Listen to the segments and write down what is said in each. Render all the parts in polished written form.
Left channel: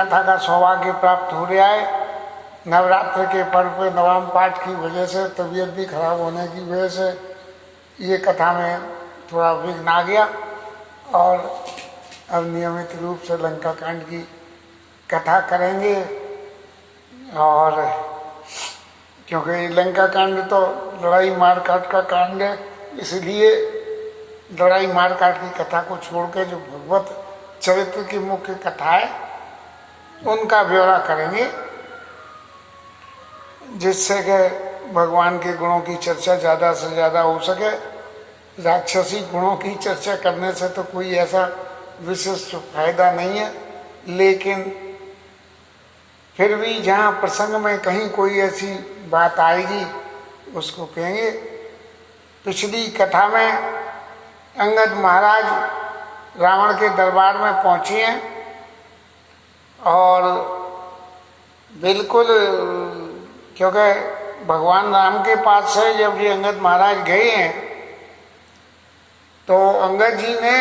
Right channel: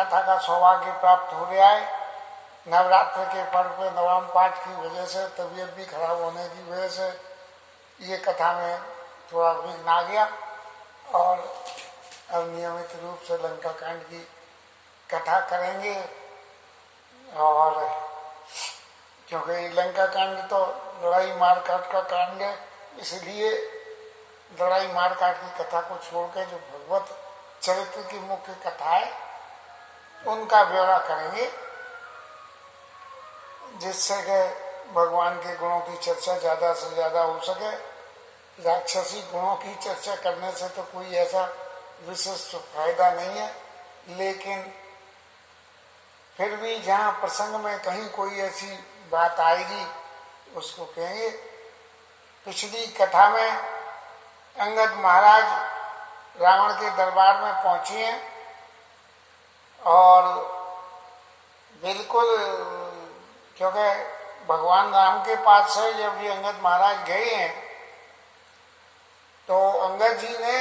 कथा का सौभाग्य प्राप्त हो रहा है। नवरात्र के पर्व पे नवम पाठ की वजह से, तबीयत भी खराब होने की वजह से ये कथा में थोड़ा विघ्न आ गया और अब नियमित रूप से लंका कांड की कथा करेंगे। और क्योंकि लंका कांड तो लड़ाई मार काट का कांड है, इसलिए लड़ाई मार काट की कथा को छोड़ के जो भगवत चरित्र की मुख्य कथा है उनका ब्यौरा करेंगे, जिससे कि भगवान के गुणों की चर्चा ज़्यादा से ज़्यादा हो सके। राक्षसी गुणों की चर्चा करने से तो कोई ऐसा विशिष्ट फायदा नहीं है, लेकिन फिर भी जहाँ प्रसंग में कहीं कोई ऐसी बात आएगी उसको कहेंगे। पिछली कथा में अंगद महाराज रावण के दरबार में पहुँचे हैं और बिल्कुल, क्योंकि भगवान राम के पास से जब ये अंगद महाराज गए हैं तो अंगद जी ने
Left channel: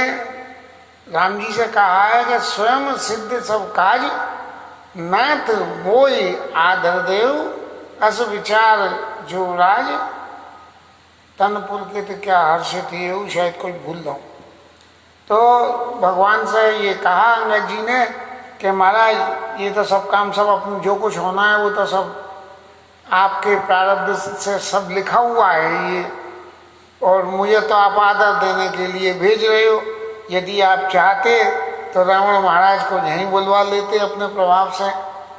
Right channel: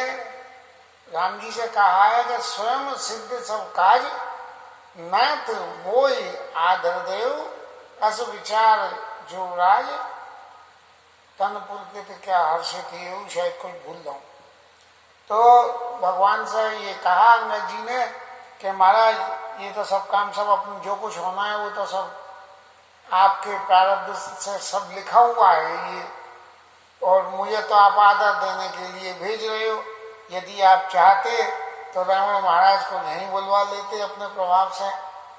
राम जी से कहा है कि स्वयं सिद्ध सब काज नाथ मोई आदर देव अस विचार जो राज तन पुलकित क्या हर्षित ये, शायद कोई भूल जाऊं। तो भगवान से ये कहा अंगद जी ने कि महाराज ये तो सब काम सब अपने जो कुछ होना है वो तो सब आपके प्रारब्ध से सब लिखा हुआ है ये, और मुझे तो आप आदर देने के लिए भेज रहे हो। यदि आप चाहते तो रावण महाराज को यहीं बुलवा लेते अपने प्रभाव से,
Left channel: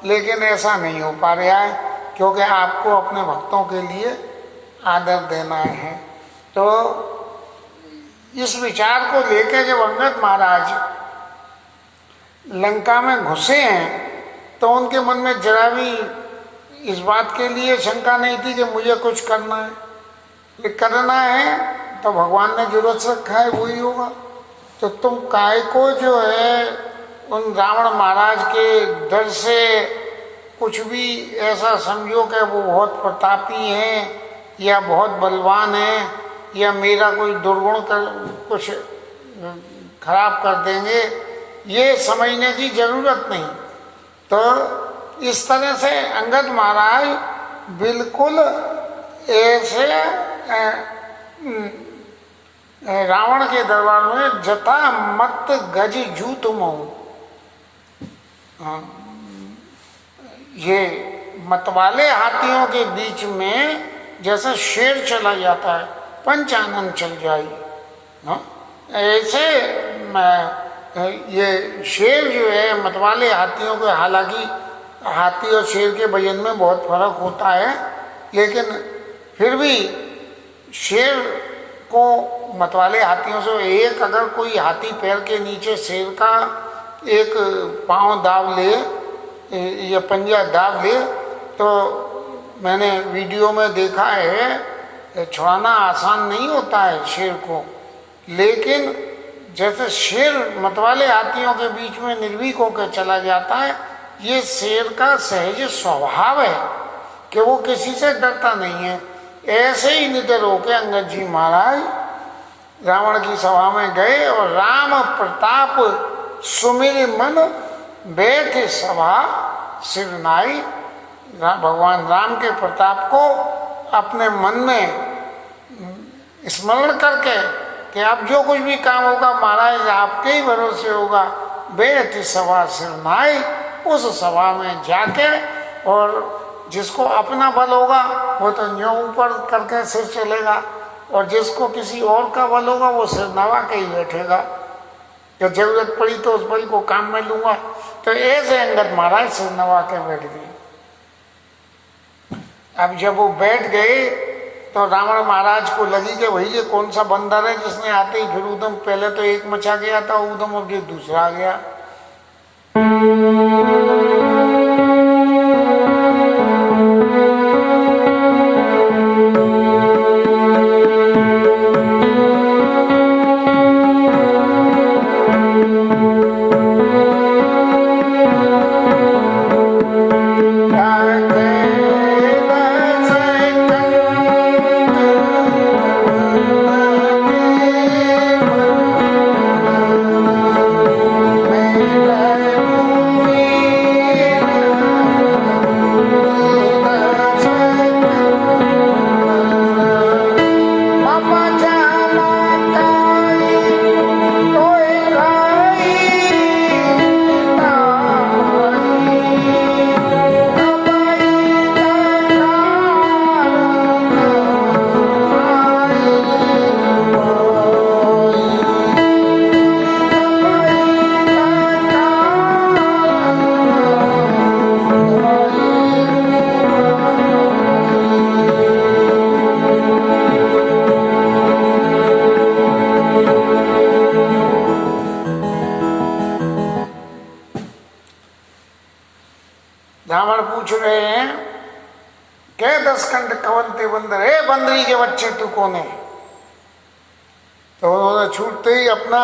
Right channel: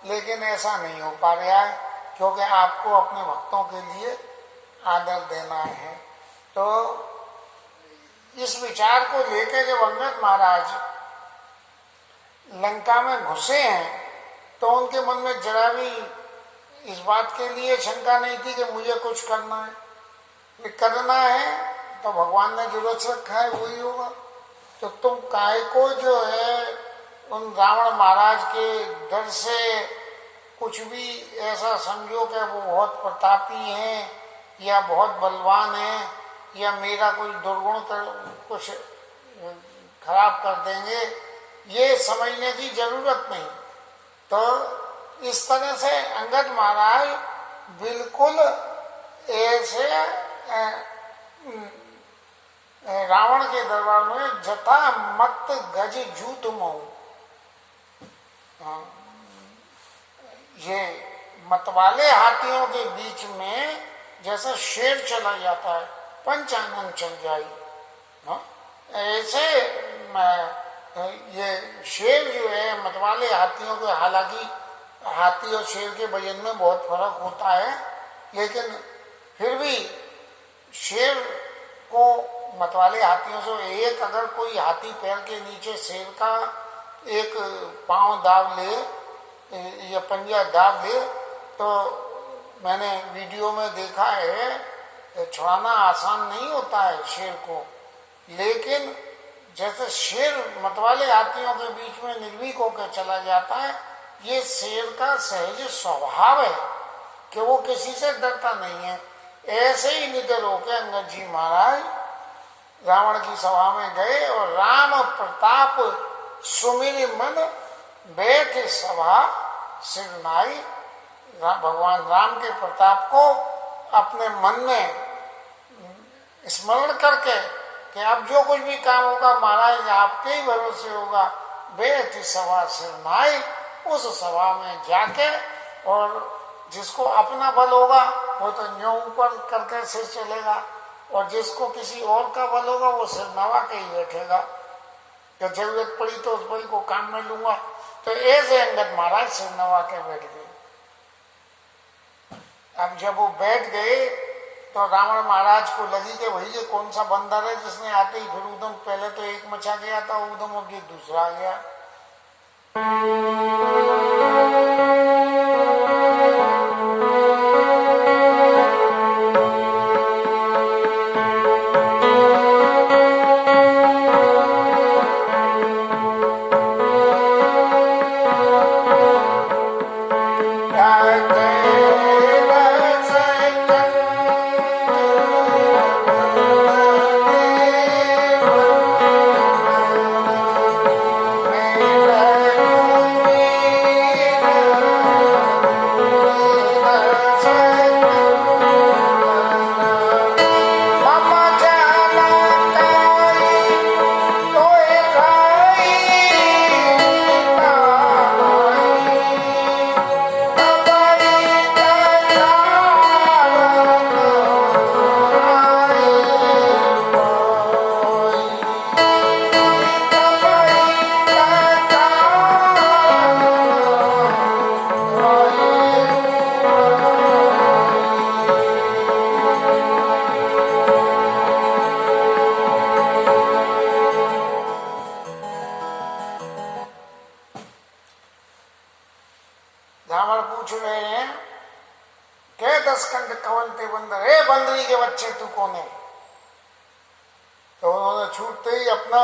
लेकिन ऐसा नहीं हो पा रहा है क्योंकि आपको अपने भक्तों के लिए आदर देना है। तो इस विचार को लेकर जब अंगद महाराज लंका में घुसे हैं तो उनके मन में जरा भी इस बात के लिए शंका नहीं थी कि मुझे कुछ करना है। करना है तो भगवान ने जो रच रखा है वही होगा। तो तुम काय को जो है उन रावण महाराज के डर से कुछ भी ऐसा समझो कि वो बहुत प्रतापी हैं या बहुत बलवान हैं या मेरा कोई दुर्गुण कर कुछ खराब कर देंगे, ये समझने की जरूरत नहीं। तो इस तरह से अंगद महाराज बिल्कुल ऐसे रावण के दरबार में जता मत गज जूत मऊ, ये मतवाले हाथियों के बीच में जैसे शेर चला जाता है पंचानन चल जाई, ऐसे ये शेर जो है मतवाले हाथियों के, हालांकि हाथी और शेर के वजन में बहुत फर्क होता है, लेकिन फिर भी शेर को मतवाले हाथियों से एक अगर कोई हाथी पैर के नीचे शेर का एक पांव दाब ले या पंजा दाब ले तो मैंने वीडियो में देखा है छुड़ाना आसान नहीं होता है शेर को। लेकिन जैसे शेर मतवाले हाथियों के बीच में निर्भीक होकर चला जाता है, ये शेर का सहज स्वभाव है कि वो किसी से डरता नहीं है। ऐसे ही निडर होकर अंगद जी महाराज रावण की सभा में गए और राम प्रताप सुमिर मन बैठ सभा सिरनाई। भगवान राम के प्रताप को अपने मन में स्मरण करके कि अब जो कुछ भी काम होगा महाराज आपके ही भरोसे होगा, बैठ सभा सिरनाई, उस सभा में जाके, और जिसको अपना बल होगा वो तो न्यों ऊपर करके सिर चलेगा और जिसको किसी और का बल होगा वो सिर नवा के ही बैठेगा। जब जरूरत पड़ी तो उस बल को काम में लूंगा। तो ऐसे अंगद महाराज सिर नवा के बैठ गए। अब जब वो बैठ गए तो रावण महाराज को लगी कि भाई ये कौन सा बंदर है जिसने आते ही फिर उदम, पहले तो एक मचा गया था उदम, अब ये दूसरा आ गया। रावण पूछ रहे हैं के 10 कंठ कवन ते बंदर, हे बंदरी के बच्चे तू कौन है? तो उन्होंने छूटते ही अपना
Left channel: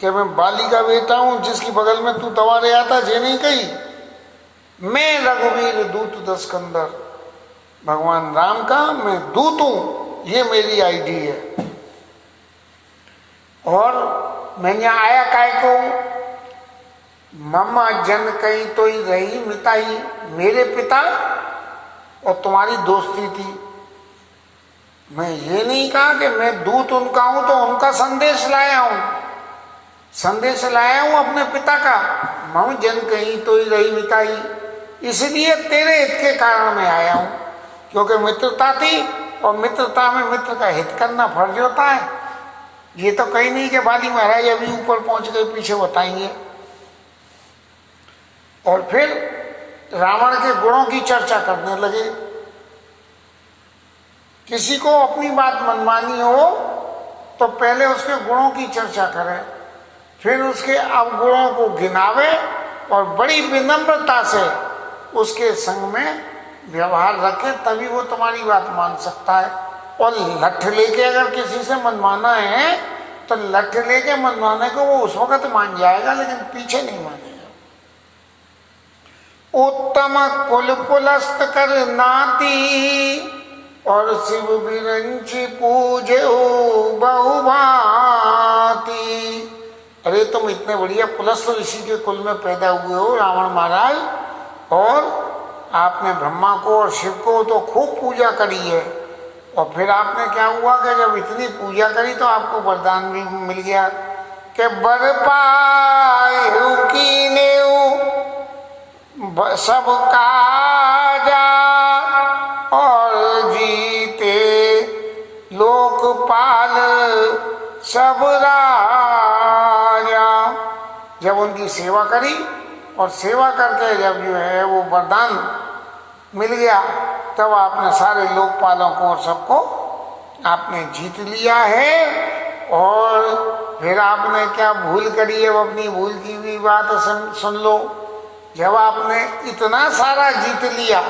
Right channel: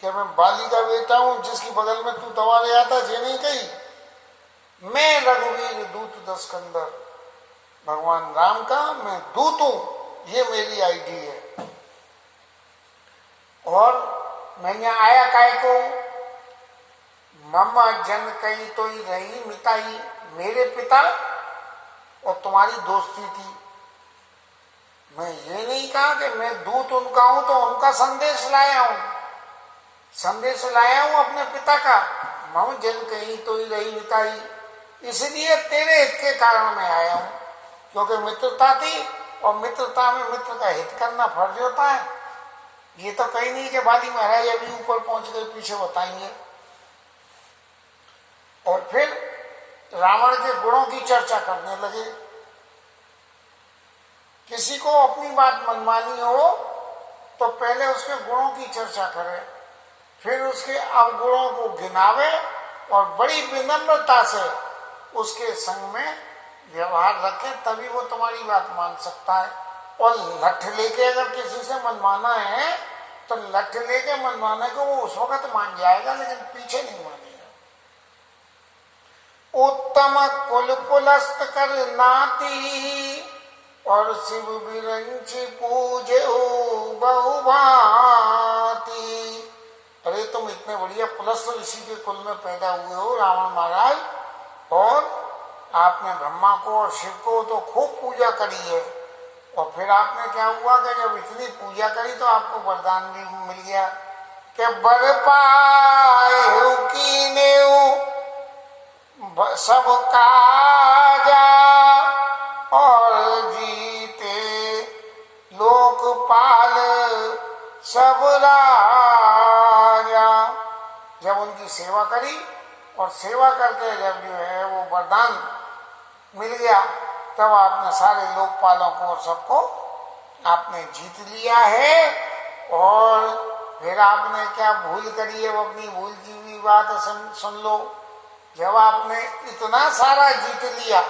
कि मैं बाली का बेटा हूं जिसकी बगल में तू दवा ले आता, जे नहीं कही, मैं रघुवीर दूत 10 कंदर, भगवान राम का मैं दूत हूं, ये मेरी आईडी है। और मैं यहाँ आया काय को, मम्मा जन कही तो ही रही मिताई, मेरे पिता और तुम्हारी दोस्ती थी। मैं ये नहीं कहा कि मैं दूत उनका हूं तो उनका संदेश लाया हूं, संदेश लाया हूं अपने पिता का। मम जन कही तो ही रही मिताई, इसलिए तेरे हित के कारण मैं आया हूं, क्योंकि मित्रता थी और मित्रता में मित्र का हित करना फर्ज होता है। ये तो कहीं नहीं कि बाली महाराज अभी ऊपर पहुंच गए, पीछे बताएंगे। और फिर रावण के गुणों की चर्चा करने लगे। किसी को अपनी बात मनमानी हो तो पहले उसके गुणों की चर्चा करे, फिर उसके अवगुणों को गिनावे और बड़ी विनम्रता से उसके संग में व्यवहार रखे, तभी वो तुम्हारी बात मान सकता है। और लठ लेके अगर किसी से मनवाना है तो लठ लेके मनवाने को वो उस वक्त मान जाएगा, लेकिन पीछे नहीं मानेगा। उत्तम कुल पुलस्त कर नाती, और शिव बिरंच पूजे बहुभांति। अरे तुम इतने बढ़िया पुलस्त ऋषि के कुल में पैदा हुए हो रावण महाराज, और आपने ब्रह्मा को और शिव को तो खूब पूजा करी है। और फिर आपने क्या हुआ कि जब इतनी पूजा करी तो आपको वरदान भी मिल गया कि बर पाए कीने सब काजा, और जीते लोकपाल सब राजा। जब उनकी सेवा करी और सेवा करके जब जो है वो वरदान मिल गया, तब आपने सारे लोकपालों को और सबको आपने जीत लिया है। और फिर आपने क्या भूल करी है, अपनी भूल की भी बात सुन लो। जब आपने इतना सारा जीत लिया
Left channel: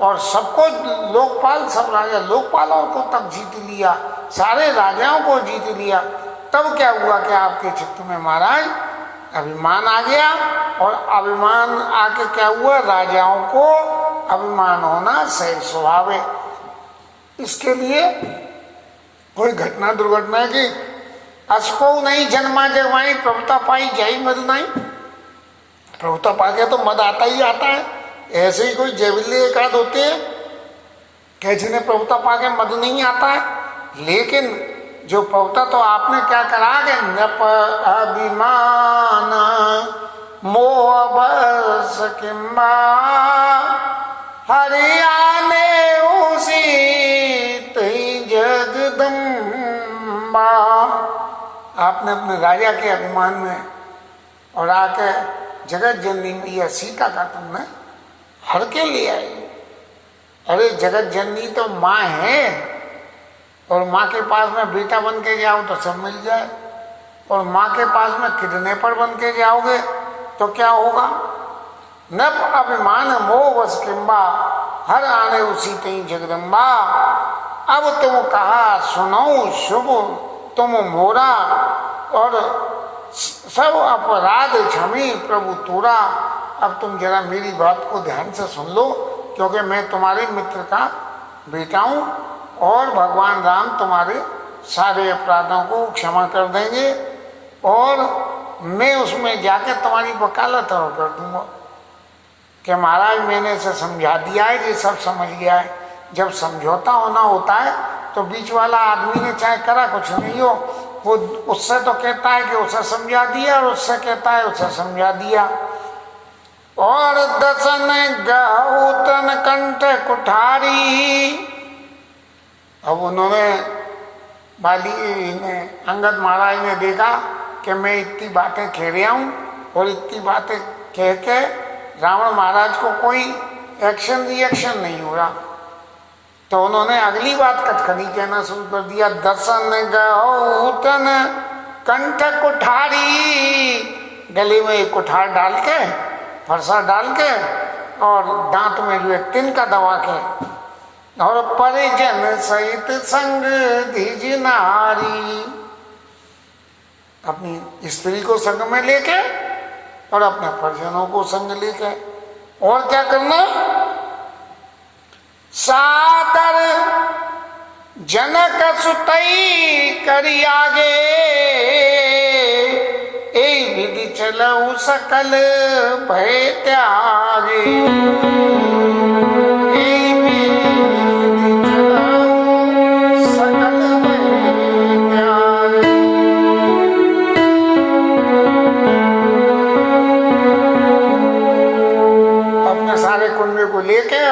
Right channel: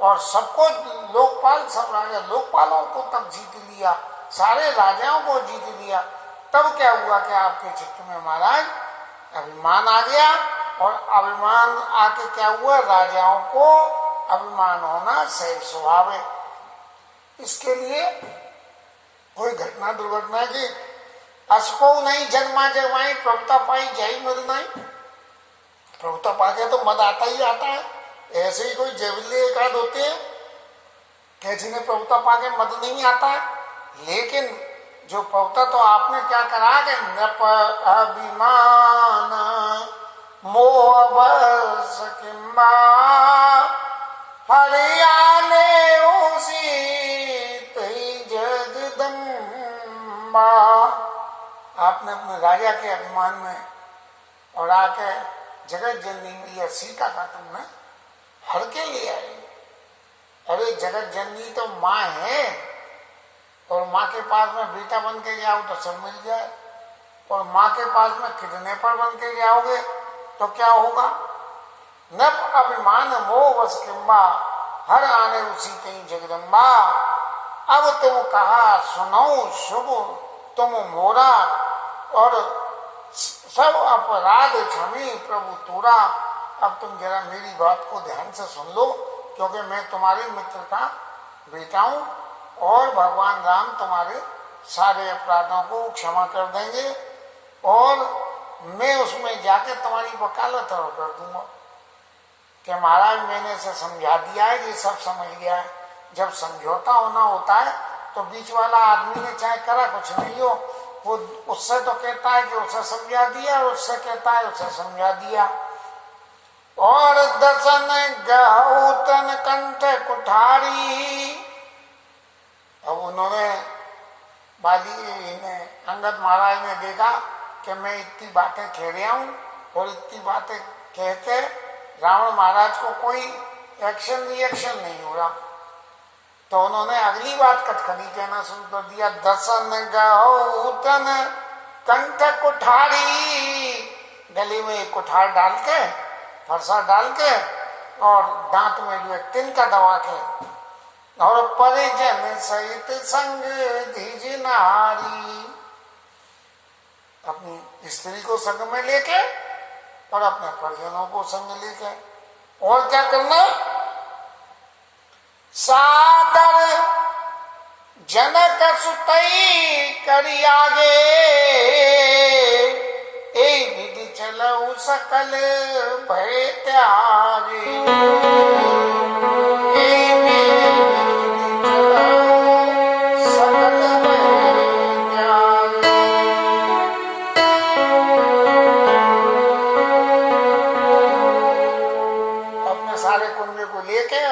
और सबको लोकपाल, सब राजा लोकपालों को तब जीत लिया, सारे राजाओं को जीत लिया, तब क्या हुआ कि आपके चित्त में महाराज अभिमान आ गया। और अभिमान आके क्या हुआ, राजाओं को अभिमान होना सही स्वभाव है। इसके लिए कोई घटना दुर्घटना की असको नहीं जन्मा जगवाई, प्रभुता पाई जाई मद नहीं। प्रभुता पाके तो मद आता ही आता है। ऐसे ही कोई जैविल्य एक आध होते हैं कि जिन्हें प्रभुता पाके मद नहीं आता है, लेकिन जो प्रभुता तो आपने क्या करा कि नप अभिमान मोह बस किम्बा हरियाणे उसी जगदम्बा। आपने अपने राजा के अभिमान में और आके जगत जननी मैया सीता का तुमने हर के ले आई। अरे जगत जननी तो माँ है, और माँ के पास में बेटा बन के जाओ तो सब मिल जाए, और माँ के पास में किडनैपर बन के जाओगे तो क्या होगा। नप अभिमान मोह वस किम्बा हर आने उसी तई जगदम्बा। अब तुम कहा सुनो शुभ तुम मोरा, और सब अपराध क्षमी प्रभु तोरा। अब तुम जरा मेरी बात को ध्यान से सुन लो, क्योंकि मैं तुम्हारे मित्र का बेटा हूँ, और भगवान राम तुम्हारे सारे अपराधों को क्षमा कर देंगे, और मैं उसमें जाके तुम्हारी वकालत और कर दूंगा कि महाराज मैंने इसे समझा दिया है, ये सब समझ गया है। जब समझौता होना होता है तो बीच वाला आदमी ने चाहे करा कुछ नहीं हो, वो उससे तो कहता है कि उसे समझा दिया, और उससे कहता है उसे समझा दिया। और दसन गौतन कंठ कुठारी। अब उन्होंने बाली ने अंगद महाराज ने देखा कि मैं इतनी बातें कह रहा हूँ, और इतनी बातें कह के रावण महाराज को कोई एक्शन रिएक्शन नहीं हो रहा, तो उन्होंने अगली बात कटखनी कहना शुरू कर दिया। दसन गौतन कंठ कुठारी। गले में एक कुठार डाल के, फरसा डाल के, और दांत में जो है तिनका दबा के, और परिजन सहित संग दीज नारी, अपनी स्त्री को संग में लेके और अपने परिजनों को संग लेके, और क्या करना, सादर जनक सुतई करी आगे, ए विधि चलऊ सकल भय त्यागे,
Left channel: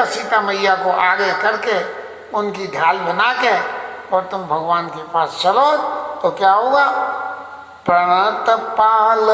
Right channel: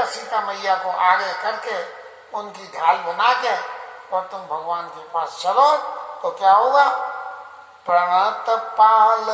सीता मैया को आगे करके उनकी ढाल बना के और तुम भगवान के पास चलो, तो क्या होगा, प्रणत पाल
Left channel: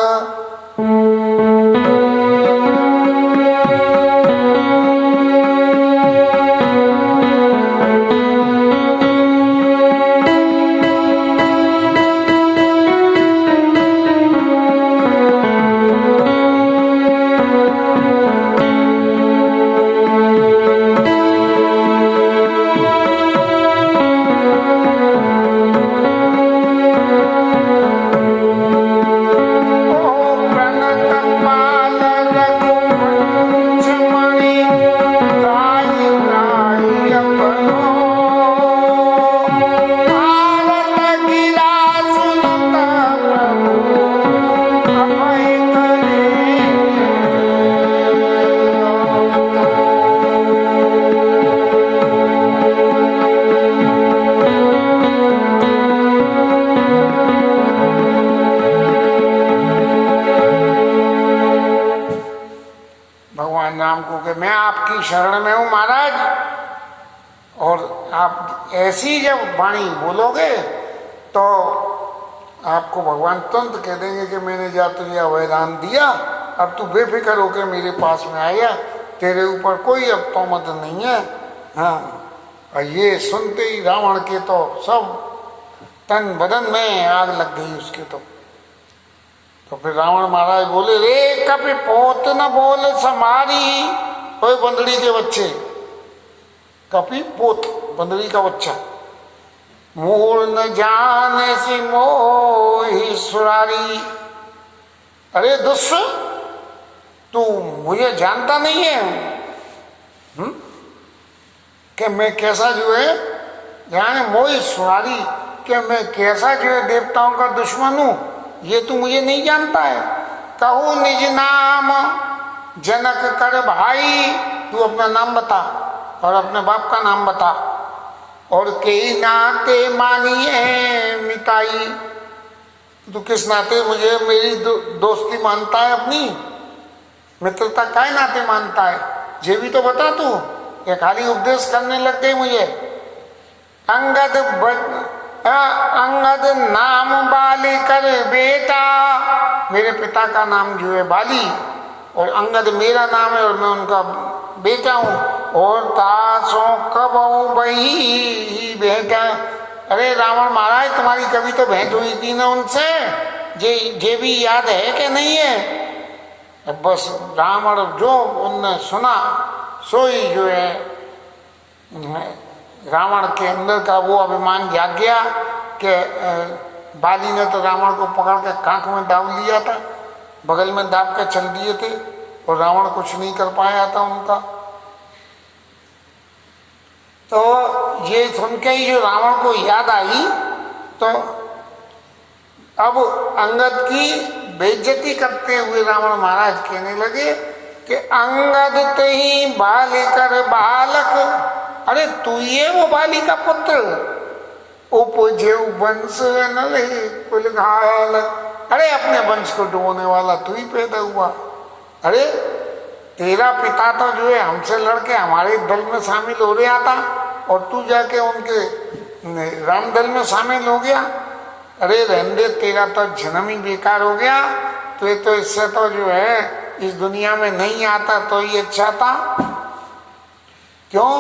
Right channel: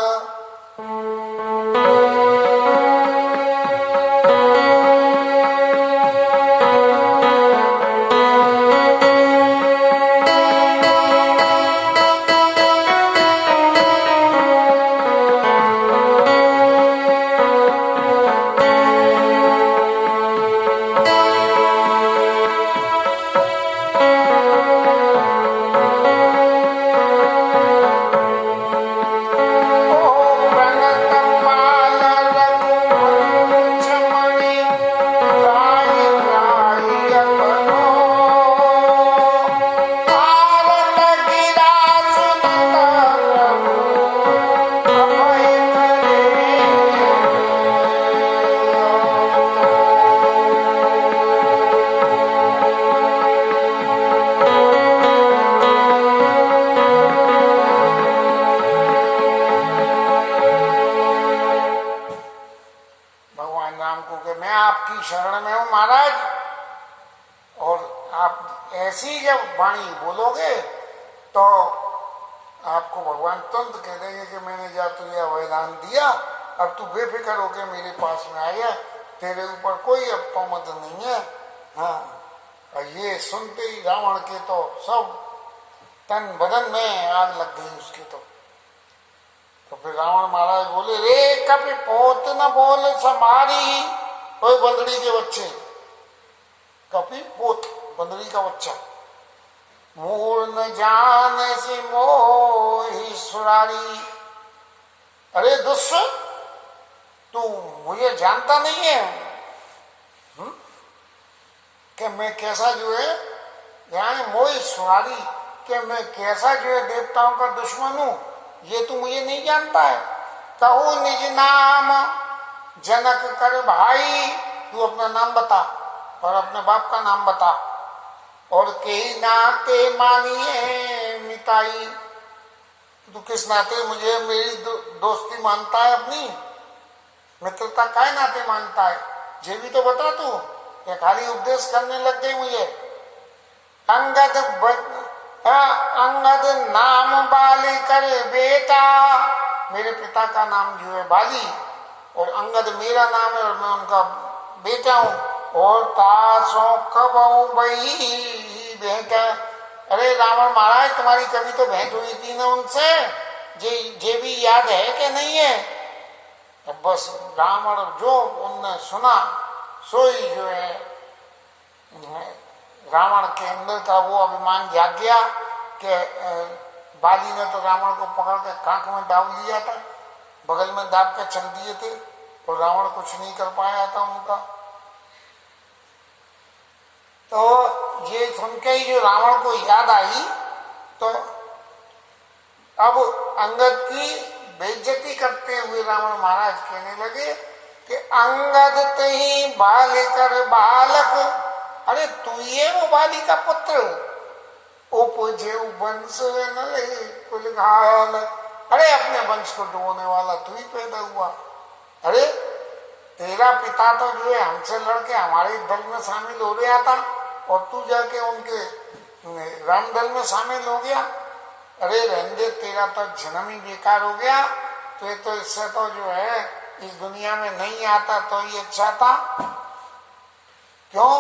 शरण में हूं महाराज, और आप ऐसी जब वाणी बोलोगे तो आपको भगवान तुरंत कह देंगे कि मैंने जा तुझे अवैधान दिया, अब तू बेफिक्र होकर मेरे पास में आया, तेरे ऊपर कोई अब तोहमत नहीं है। हाँ, और ये सुनते ही रावण के तो सब तन बदन में आग लग गई उसके। तो फिर रावण महाराज बोले, रे कभी पोत न बोल समारी, ओए बंदड़ी के बच्चे, कपी पोत बंदड़ी का बच्चा, मूल न जाने से मोही सुरारी। अरे दुष्ट, तू मुझे जानता नहीं है कि मैं कैसा जो है जाने मोही सुरारी, कि मैं कैसा जो है देवताओं का दुश्मन हूं, ये तू मुझे नहीं जानता है। कहो निज नाम जनक कर भाई, तू अपना नाम बता और अपने बाप का नाम बता, और कई नाते मानिए मिताई, तू किस नाते मुझे मेरी दोस्ती मानता है, अपनी मित्रता काय नाते मानता है, ये भी तो बता तू। ये खाली उपदेश करने लग गई मुझे। अंगद नाम बाली कर बेटा, मेरे पिता का नाम जो है बाली, और अंगद मेरा नाम है और मैं उनका बेटा हूं। और तासों कब बही बेटा, अरे रावण महाराज तुम्हारी कभी तो भेंट हुई थी ना उनसे, जे भी याद है कि नहीं है। बस रावण जो उनने सुना सो ही जो है रावण के अंदर का वो अभिमान जाग गया कि बाली ने तो रावण को पकड़ के कांख में दाब लिया था, बगल में दाब के चल दिए थे, और रावण कुछ नहीं कर पाया था उनका। तो ये सुन के ही जो रावण को याद आई, तो अब अंगद की बेइज्जती करते हुए रावण महाराज कहने लगे कि अंगद तही बाली कर बालक, अरे तू ये वो बाली का पुत्र, उपजे वंश नले कुल घाल, अरे अपने वंश को डुबोने वाला तू ही पैदा हुआ। अरे तेरा पिता तो जो है हमसे लड़के हमारे दल में शामिल हो गया था, और तू जाके उनके राम दल में शामिल हो गया। अरे रहने, तेरा तो जन्म ही बेकार हो गया, तो इससे तो जो है इस दुनिया में नहीं आता तो ही अच्छा था। क्यों?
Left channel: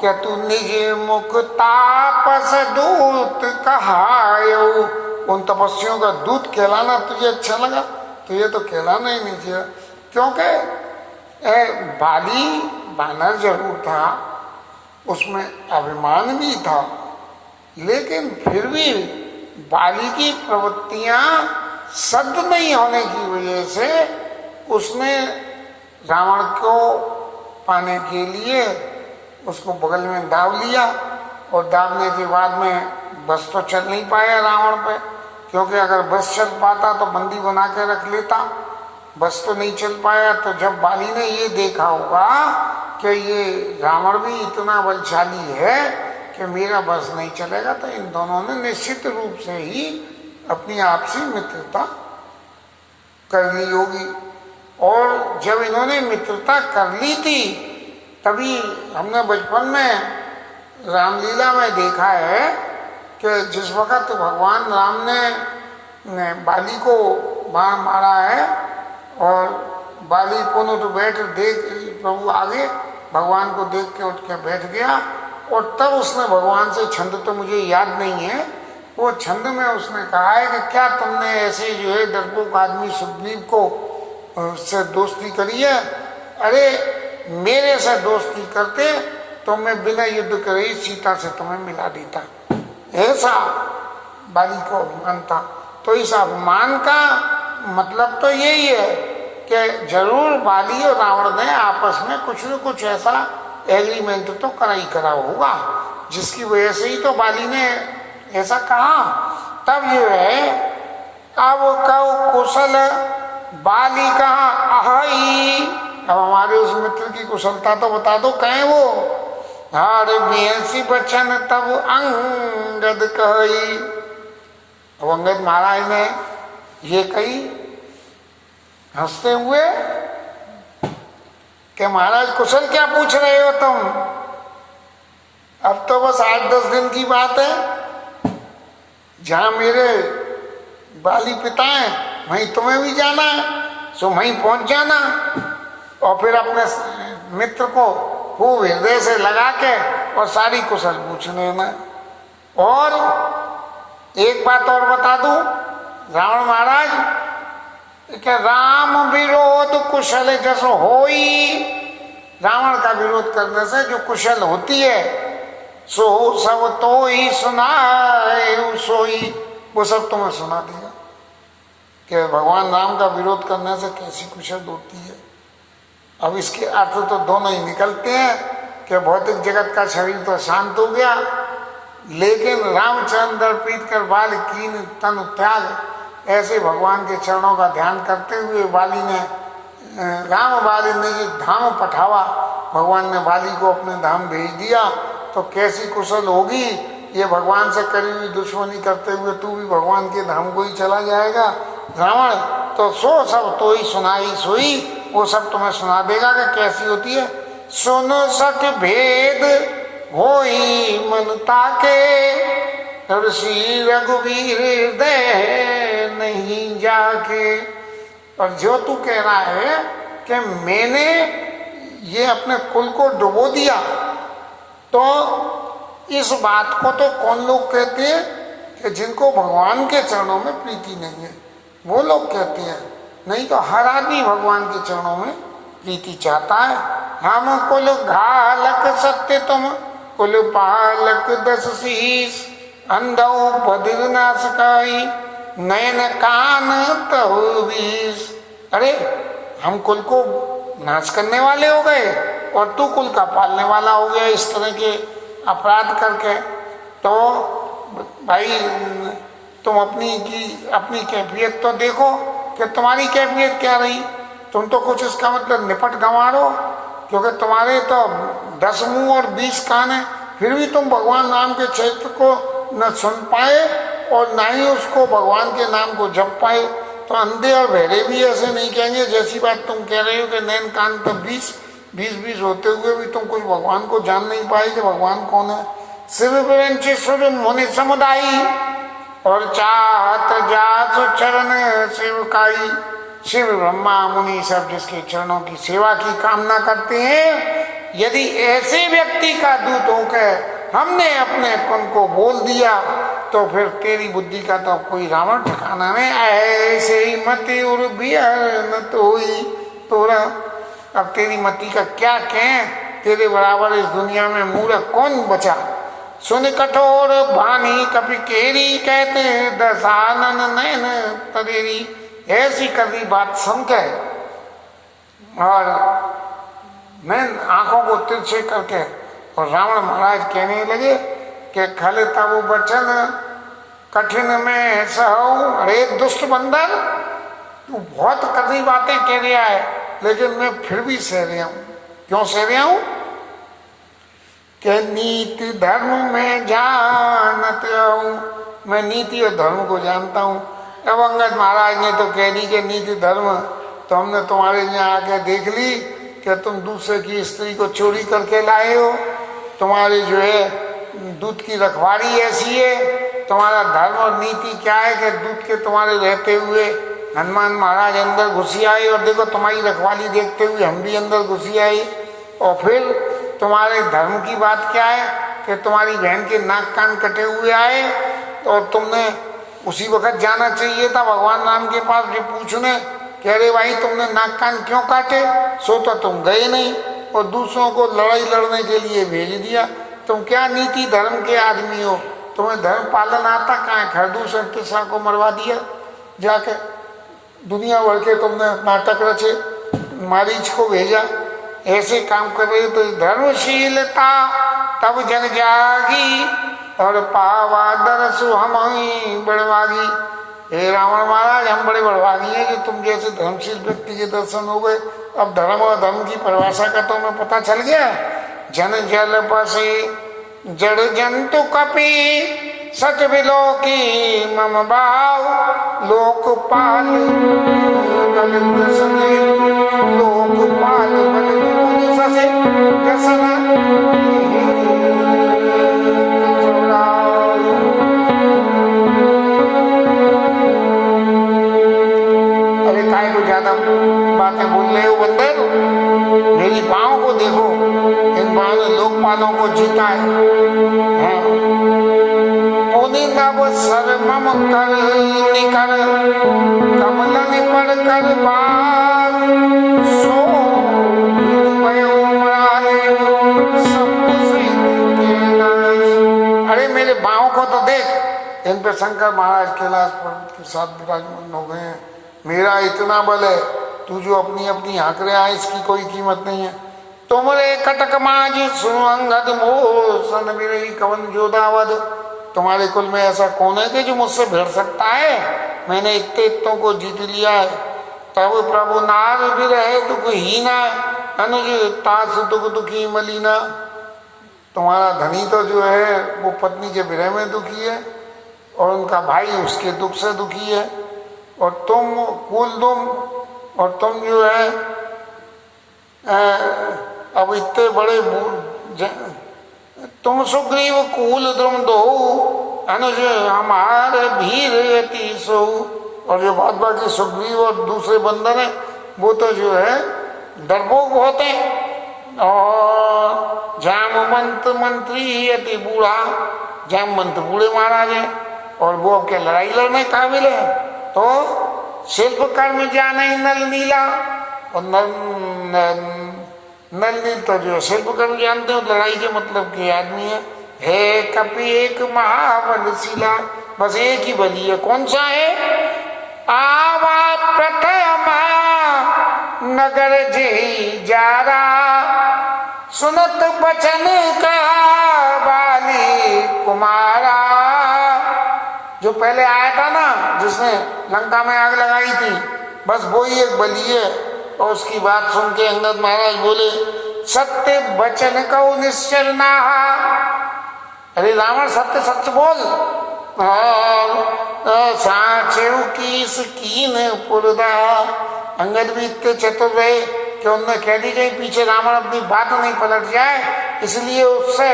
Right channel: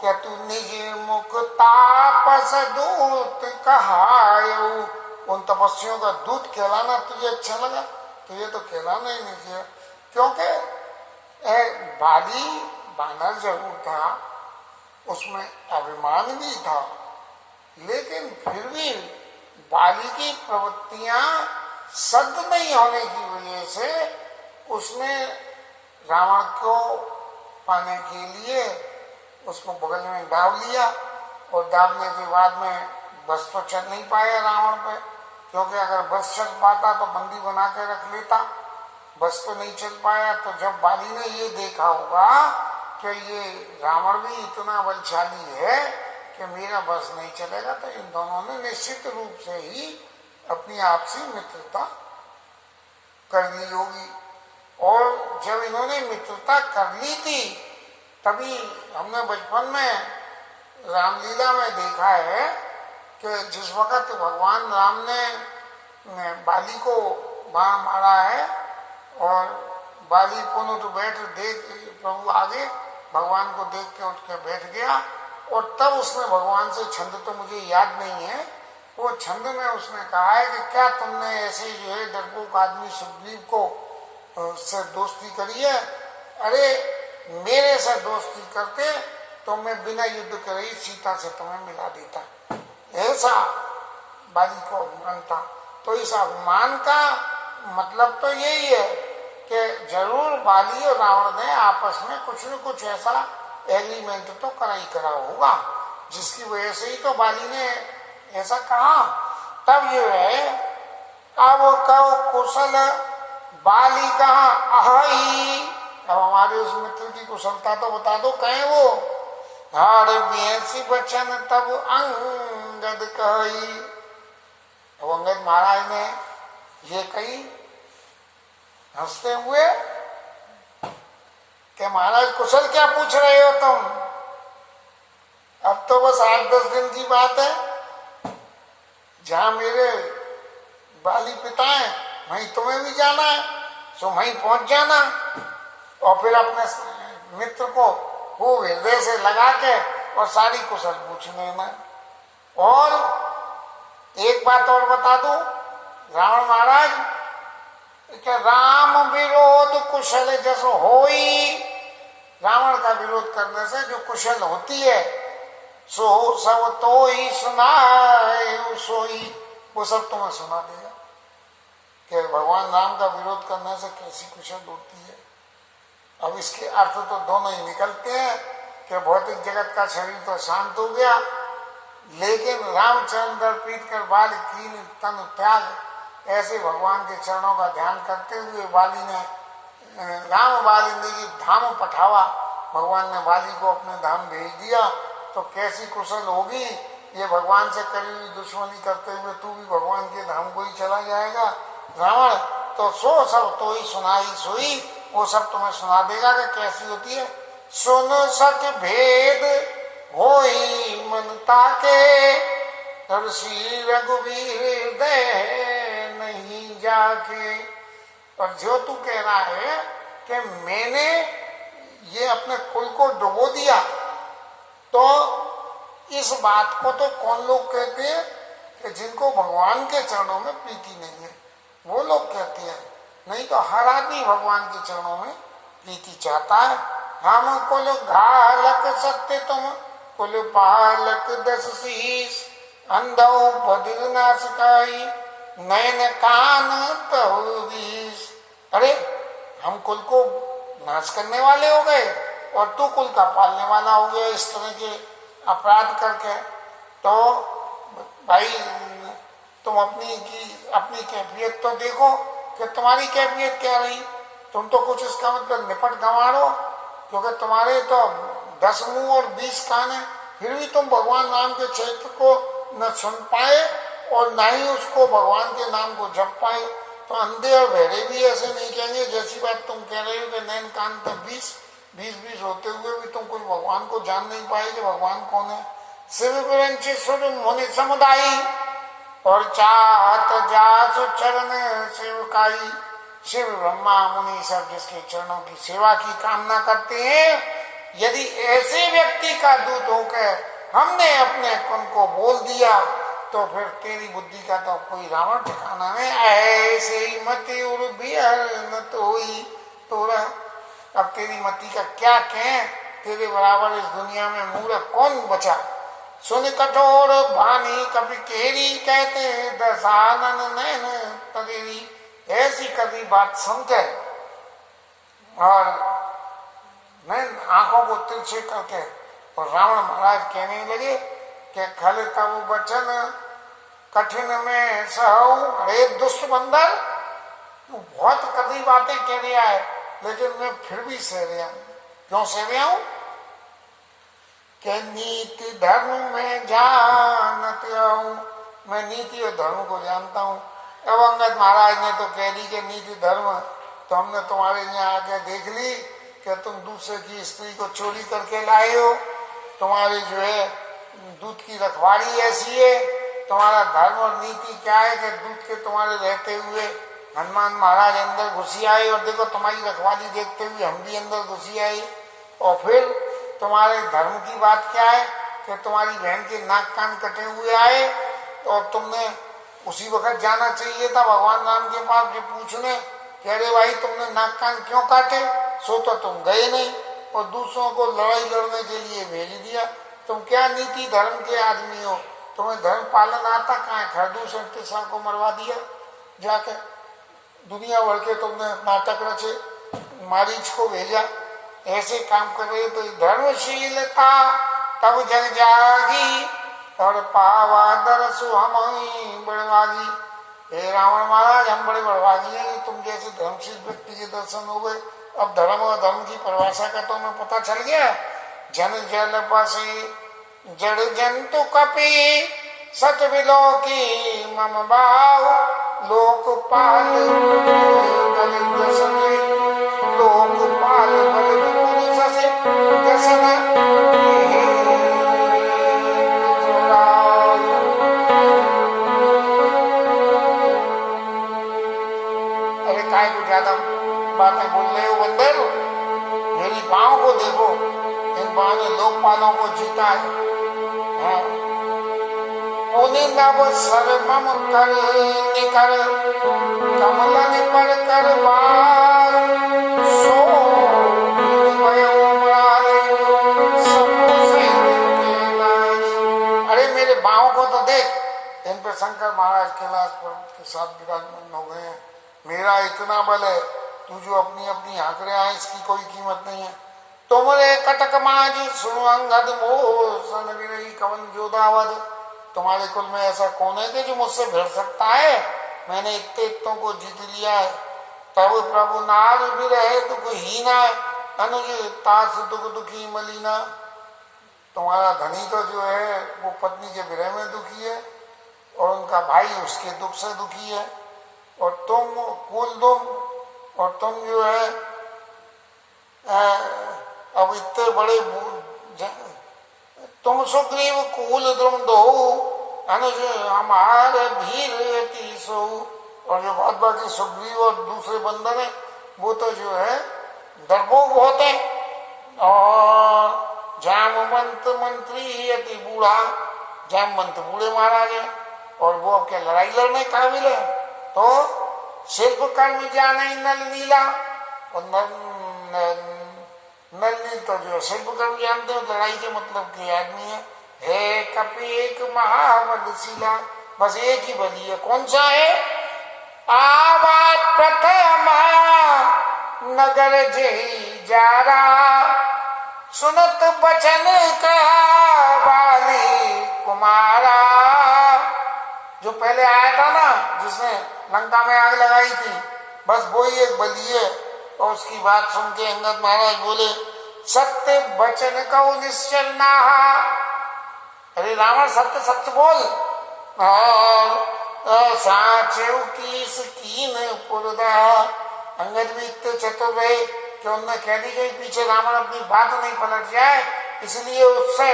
क्या तू निज मुख तापस दूत कहायो, उन तपस्वियों का दूत कहलाना तुझे अच्छा लगा? तो ये तो कहलाना ही नहीं चाहिए, क्योंकि बाली बानर जरूर था, उसमें अभिमान भी था, लेकिन फिर भी बाली की प्रवृत्तियां सद नहीं होने की वजह से उसने रावण को पाने के लिए उसको बगल में दाव लिया, और दावने के बाद में बस तो चल नहीं पाया रावण पे, क्योंकि अगर बस चल पाता तो बंदी बना के रख लेता, बस तो नहीं चल पाया। तो जब बाली ने ये देखा होगा कि ये रावण भी इतना बलशाली है कि मेरा बस नहीं चलेगा, तो इन दोनों ने निश्चित रूप से ही अपनी आपसी मित्रता कर ली होगी। और जब इन्होंने मित्रता कर ली थी, तभी हमने बचपन में रामलीला में देखा है कि जिस वक्त भगवान राम ने बाली को बाण मारा है और बाली पुनः तो बैठ देख प्रभु आगे भगवान को देख के उठ के बैठ गया, और तब उसने भगवान से छंद तो मुझे याद नहीं है, वो छंद में उसने कहा है कि क्या तुमने ऐसे जो है डरपोक आदमी सुग्रीव को से दोस्ती करी है? अरे मेरे से दोस्ती करते तो मैं बिना युद्ध करे सीता से तुम्हें मिला देता। ऐसा बाली को अभिमान था। तो इस अभिमान का मतलब तो यही है कि जरूर बाली और रावण ने आपस में कुछ न कुछ ऐसा एग्रीमेंट तो करा ही करा होगा, जिसकी वजह से ही तो बाली ने ऐसा कहा। तब ये है, अब कहो कुशल बाली कहा अहि। अब हमारे उस मित्र की कुशलता तो बता दो, कहें वो हार बेसी बचन तब अंगद कही। अब अंगद महाराज ने ये कही हंसते हुए कि महाराज कुशल क्या पूछ रहे हो तुम, अब तो बस 8-10 दिन की बात है, जहां मेरे बाली पिता हैं वहीं तुम्हें भी जाना है, सो वहीं पहुंच जाना, और फिर अपने मित्र को खूब हृदय से लगा के और सारी कुशल पूछ लेना। और एक बात और बता दूं, रावण महाराज क्या राम विरोध कुशल जैसो होई। रावण का विरोध करने से जो कुशल होती है सो सब तो ही सुनाए सोई, वो सब तुम्हें सुना देगा कि भगवान राम का विरोध करने से कैसी कुशल होती है। अब इसके अर्थ तो दोनों ही निकलते हैं कि भौतिक जगत का शरीर तो शांत हो गया, लेकिन रामचंद्र प्रीत कर बाल कीन तन त्याग, ऐसे भगवान के चरणों का ध्यान करते हुए बाली ने राम बाली ने ये धाम पठावा, भगवान ने बाली को अपने धाम भेज दिया, तो कैसी कुशल होगी ये भगवान से करी हुई दुश्मनी करते हुए तू भी भगवान के धाम को ही चला जाएगा रावण। तो सो सब तो ही सुनाई सोई, वो सब तुम्हें सुना देगा कि कैसी होती है। सुनो सक भेद होई मन ताके, ऋषि रघुवीर दे नहीं जाके। और जो तू कह रहा है कि मैंने ये अपने कुल को डुबो दिया, तो इस बात को तो कौन लोग कहते हैं कि जिनको भगवान के चरणों में प्रीति नहीं है, वो लोग कहते हैं, नहीं तो हर आदमी भगवान के चरणों में प्रीति चाहता है। हम कुल घालक सत्य तुम कुल पालक 10 शीश, अंधौ बधिर नासकाई नयन कान तहु बीस। अरे हम कुल को नाश करने वाले हो गए और तू कुल का पालने वाला हो गया इस तरह के अपराध करके। तो भाई तुम अपनी कैफियत तो देखो कि तुम्हारी कैफियत क्या रही। तुम तो कुछ इसका मतलब निपट गंवारो, क्योंकि तुम्हारे तो 10 मुंह और 20 कान है, फिर भी तुम भगवान राम के चरित्र को न सुन पाए और न ही उसको भगवान के नाम को जप पाए। तो अंधे और बहरे भी ऐसे नहीं कहेंगे जैसी बात तुम कह रहे हो कि नैन कान तो 20 होते हुए भी तुम कुछ भगवान को जान नहीं पाए कि भगवान कौन है। शिव विरंचेश्वर मुनि समुदाय और चाहत जासु चरण सेवकाई। शिव ब्रह्मा मुनि सब जिसके चरणों की सेवा की कामना करते हैं, यदि ऐसे व्यक्ति का दूत होकर हमने अपने कुल को बोल दिया तो फिर तेरी बुद्धि का तो कोई रावण ठिकाना नहीं। ऐसे ही मति उर बिहर न तोई तोरा। अब तेरी मति का क्या कहें, तेरे बराबर इस दुनिया में मूर्ख कौन बचा। सुन कठोर भानी कपि केरी, कहते दसानन नयन तरेरी। ऐसी कभी बात सुनते और मैं आंखों को तिरछे करके, और रावण महाराज कहने लगे कि खल तब बचन कठिन में सहू। अरे दुष्ट बंदर, तू बहुत कड़ी बातें कह रहा है, लेकिन मैं फिर भी सह रहा हूं। क्यों सह रहा हूं? कि नीति धर्म में जानत हूं, मैं नीति और धर्म को जानता हूं। अब अंगद महाराज ने तो कह दी कि नीति धर्म तो हमने तुम्हारे यहाँ आके देख ली कि तुम दूसरे की स्त्री को चोरी करके लाए हो, तुम्हारी जो है दूध की रखवाली ऐसी है, तुम्हारा धर्म और नीति क्या है कि दूध के तुम्हारे रहते हुए हनुमान महाराज अंदर घुसी आए, और देखो तुम्हारी रखवाली देखते हुए हम भी अंदर घुसी आए। और फिर तुम्हारे धर्म की बात क्या है कि तुम्हारी बहन के नाक कान कटे हुए आए, और तुमने उसी वक्त जाना चाहिए था भगवान राम के पास जो पूछने कि अरे भाई तुमने नाक कान क्यों काटे, सो तो तुम गए नहीं और दूसरों को लड़ाई लड़ने के लिए भेज दिया। तुम क्या नीति धर्म के आदमी हो, तुम्हें धर्म पालन आता कहाँ है? खरदूष और तिसरा को मरवा दिया जाके, दुनिया भर के तुमने नाटक रचे, मारीच को भेजा, ऐसे काम कर रहे। तो धर्मशीलता तब जग जागी, और पावा दरसु हम बड़वागी। हे रावण महाराज, हम बड़े बड़वागी हैं कि तुम जैसे धर्मशील व्यक्ति के दर्शन हो गए। अब धर्म और धर्म की परिभाषा का तो हमें पता चल गया। जन जल बसे जड़ जंतु कपि, सच बिलो की मम भाव। लोकपाल बल ससे, लोकपाल बल ससे दसन। अरे काय को ज्यादा बातें बोल रहे हो बंदर, मेरी बाहों को देखो, इन बाहों ने लोकपालों को जीता है। नव सर मम कर निकर, कमलन पर कर बार। सो अरे मेरे बाहों को तो देख, इन पे शंकर महाराज कैलाश पर्वत के साथ विराजमान हो गए हैं। मेरा इतना बल है, तू जो अपनी अपनी हाँक रहा है इसकी कोई कीमत नहीं है। तुमरे कटक माज सुनो अंगद मोह, सन विरही कवन जोधावद। तुम्हारे कुल में ऐसा कौन है कि जो मुझसे भिड़ सकता है? मैंने इतने इतों को जीत लिया है। तब प्रभु नार भी रहे दुख हीना, अनुज तास दुख दुखी मलिना। तुम्हारा धनी तो जो है वो पत्नी के विरह में दुखी है, और उनका भाई उसके दुख से दुखी है, और तुम कुल दुम, और तुम जो है अब इतने बड़े तुम सुग्रीव कूल द्रुम दो, अनुज हमारे भीर सो। और जो बहुत बाकी सुग्रीव और दूसरे बंदर हैं वो तो जो है डरपोक बहुत हैं। और जामवंत मंत्री अति बूढ़ा, जामवंत बूढ़े महाराज हैं, और वो अब क्या लड़ाई लड़ने काबिल है। तो शिल्पकार में जाने नल नीला, और नल नील तो जो शिल्पकार जानते हो लड़ाई के मतलब के आदमी है। हे कपि एक महाबलशीला, बस एक ही बली है। कौन सा है? आवा प्रथम नगर जेही जारा, सुनत बचन का बाली कुमारा। जो पहले आया था ना, जिसने लंका में आग लगाई थी, बस वो ही एक बली है। और उसकी बात सुन के अंगद महाराज बोले, सत्य वचन कहो निश्चर नाहा। अरे रावण सत्य सत्य बोल, साचेव कीस कीन पुरदा। अंगद भी इतने चतुर रहे कि उन्होंने कह दी गई पीछे रावण अपनी बात नहीं पलट जाए, इसलिए उससे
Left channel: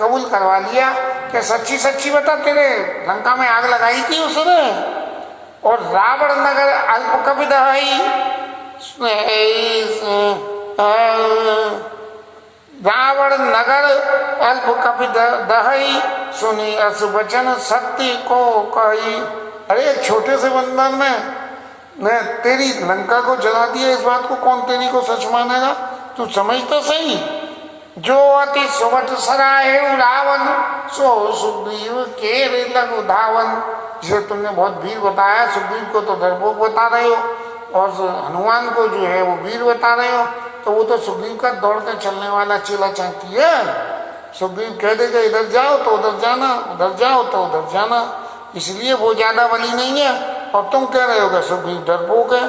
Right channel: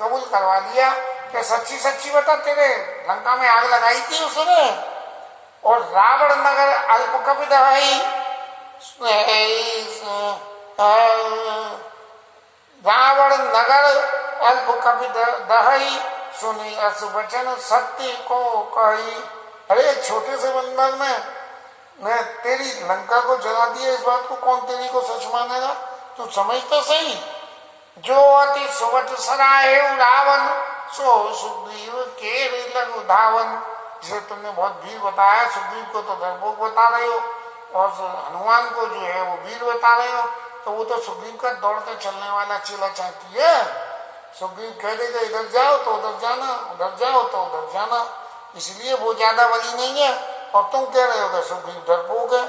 कबूल करवा लिया कि सच्ची सच्ची बता, तेरे लंका में आग लगाई थी उसने। और रावण नगर अल्प कभी दहाई, रावण नगर अल्प कभी दहाई, सुनी अस वचन सत्य को कही। अरे छोटे से बंदर ने ने तेरी लंका को जला दिया, इस बात को कौन तेरी को सच मानेगा? तू समझ तो सही। जो अति सुवट सराहे रावण, सो सुग्रीव केरे लघु धावन। जिसे तुमने बहुत वीर बताया, सुग्रीव को तो डरपोक बता रहे हो, और हनुमान को जो है वो वीर बता रहे हो, तो वो तो सुग्रीव का दौड़ के चलने वाला चेला चाहती है। सुग्रीव कह देगा इधर जाओ तो उधर जाना, उधर जाओ तो उधर जाना, इसलिए वो ज्यादा बली नहीं है। और तुम कह रहे हो कि सुग्रीव डरपोक है।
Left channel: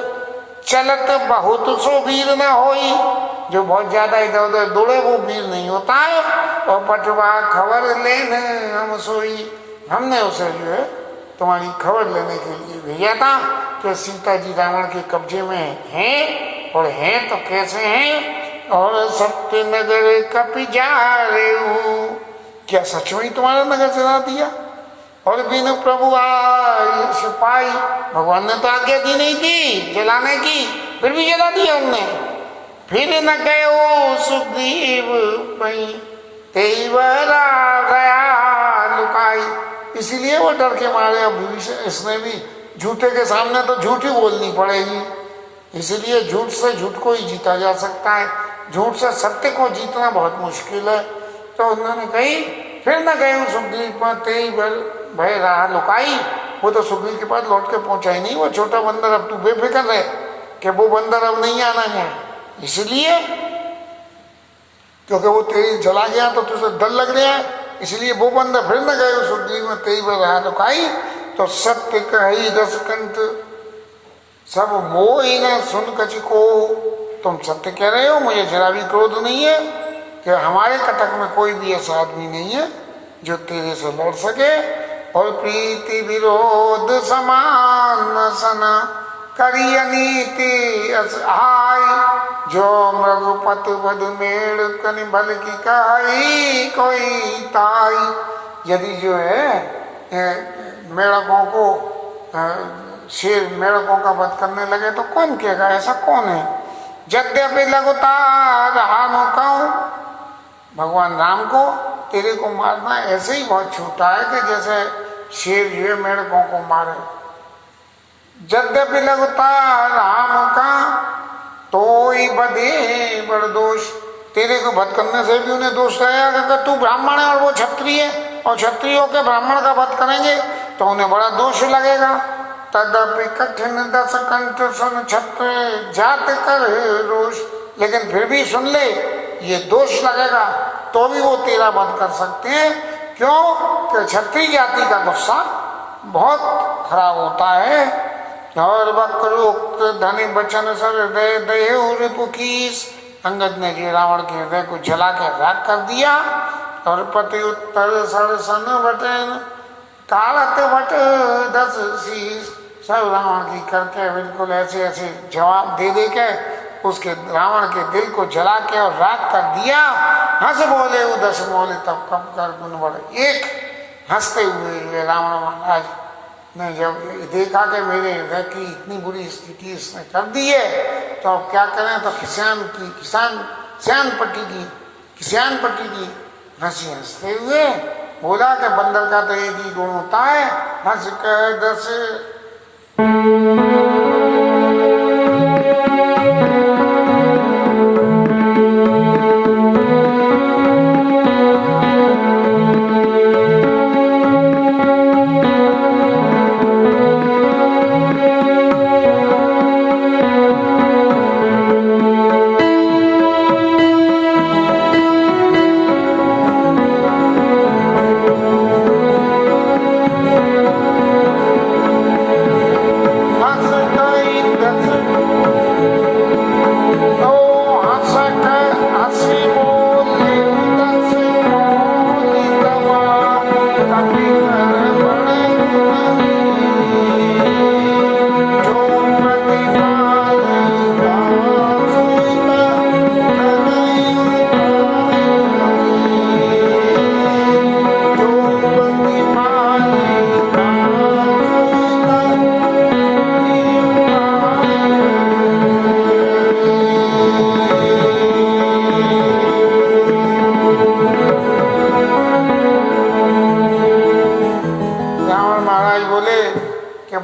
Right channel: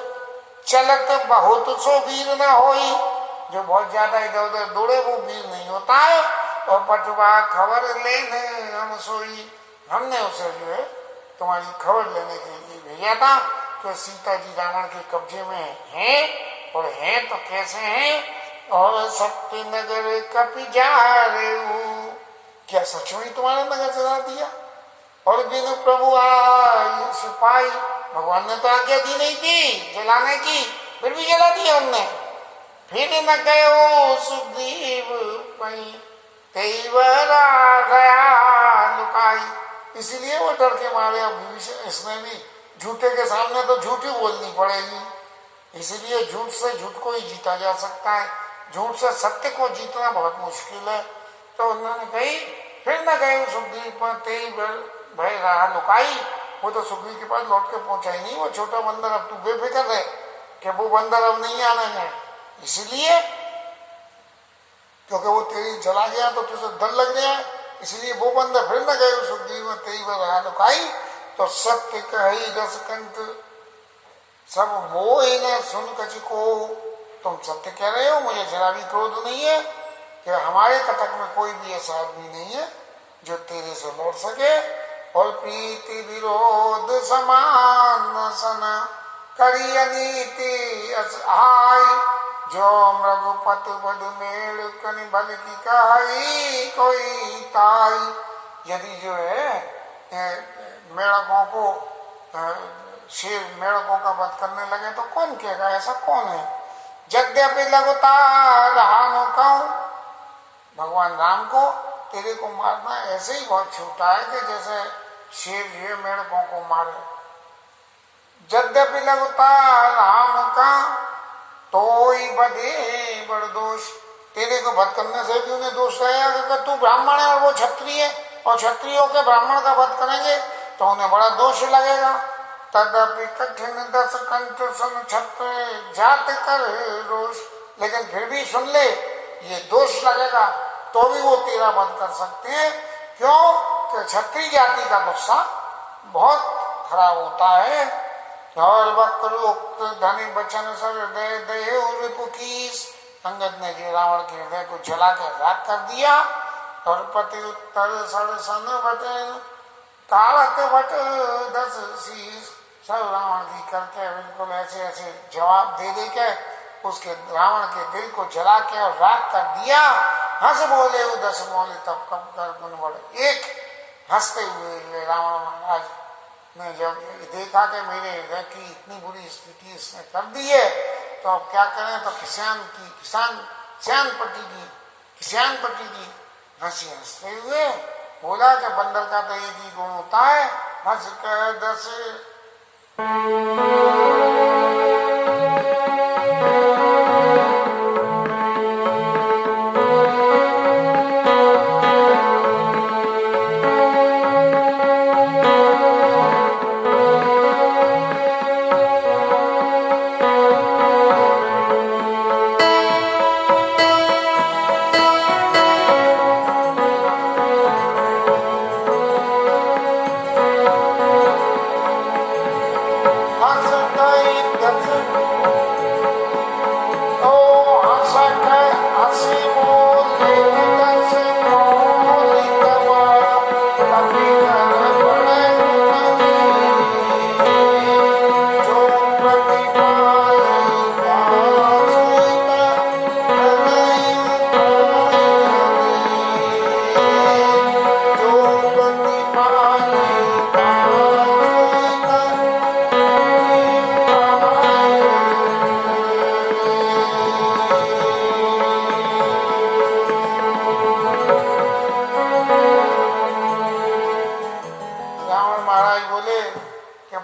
चलत बहुत सो वीर न होई, जो बहुत ज्यादा इधर उधर दौड़े वो वीर नहीं होता है। और पटवा खबर लेने हम सोई, हमने उसे जो है तुम्हारी खबर लेने के लिए भेजा था कि सीता जी रावण के कब्जे में हैं, और हैं तो कैसे हैं। और सत्य नगर कपि जा रहे हो, क्या सच में तुम्हारा नगर जला दिया? और बिन प्रभु आई सिपाही, भगवान ने तो आज्ञा दी नहीं थी जलाने की, फिर भी जला दिया हमने। फिर न गयो सुग्रीव पई, तेवरा गया लुकाई। इसीलिए वो डर के मारे, अब इसने भी झूठे के सामने तो झूठ ही बोलनी पड़ेगी। इसलिए झूठ से झूठ को ही जीता जा सकता है, झूठ से सत्य को जीतना बहुत मुश्किल है। तो उन्होंने कही फिर न गए सुग्रीव पर तेई भय रहा लुकाई। वो तो सुग्रीव के पास लौट के पहुंचा ही नहीं, वो छोटा बंदर। अब तू बेफिक्र है कि वो बंदर अब नहीं आना है, इसलिए क्योंकि वो तेरी जला गया तो तुझे डर लग रहा है, इसलिए वो बंदर फिर न गए सुग्रीव में तेई भय रहा लुकाई। तो सत्य कही रस कंठ, सब मोह न सुन कच को। तुम सत्य कह रहे हो, मुझे जरा भी क्रोध नहीं है कि हमारे कटक में कोई भी ऐसा आदमी नहीं है जो तेरे से लड़ सके। और प्रीति विरोध समान सना, करी अनीति असहाय। जो मृगपत वधु मेड़ कनि भल की कहाई कोई ताई। यदि जो है मेढकों को शेर मेढकों का वध करने लगे तो कौन कहेगा ऐसा कौन है? यद्यपि लगातार राम कहूं, भगवान राम को तेरे को मारना ऐसे ही बहुत छोटा है कि जैसे शेर जो है मेढकों को मारे। यद्यपि लगातार राम का तो ही बधे बड़ दोष। तेरे को वध करने से भी उन्हें दोष रहेगा कि तू ब्राह्मण है और वो क्षत्रिय है, और क्षत्रियों के ब्राह्मण का वध करेंगे तो उन्हें बड़ा दोष लगेगा। तदपि कठिन दस कंठ सुन छत्र जात कर रोष। लेकिन फिर भी सुन ले, ये दोष लगेगा तो भी वो तेरा वध कर सकते हैं। क्यों? कि क्षत्रिय जाति का गुस्सा बहुत खराब होता है। और वक्रोक्त धनी बचन सर हृदय दय पुकीस। अंगद ने जी रावण के हृदय को जला के राख कर दिया। और पति उत्तर सर सन बटन, कालत बट दस शीस। सब रावण की करके बिल्कुल ऐसे ऐसे जवाब दे दे के उसके रावण के दिल को जला के और राख कर दिया। हंस बोले उदस बोले तब कब कर गुण बढ़े। एक हंसते हुए रावण महाराज ने जब देखा कि मेरे हृदय की इतनी बुरी स्थिति इसने कर दी है तो अब क्या करें, तो किसान पट्टी की हंसी हंसते हुए बोला कि बंदर का तो एक ही गुण होता है, हंस कह दस।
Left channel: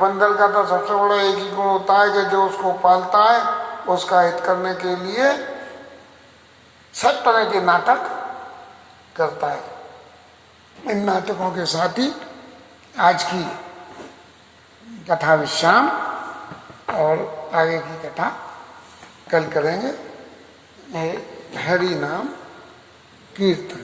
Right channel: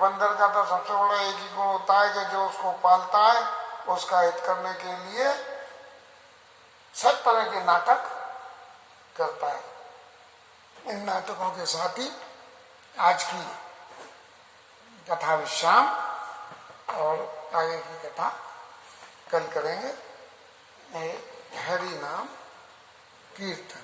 बंदर का तो सबसे बड़ा एक ही गुण होता है कि जो उसको पालता है उसका हित करने के लिए सब तरह के नाटक करता है। इन नाटकों के साथ ही आज की कथा विश्राम और आगे की कथा कल करेंगे। हरि नाम कीर्तन।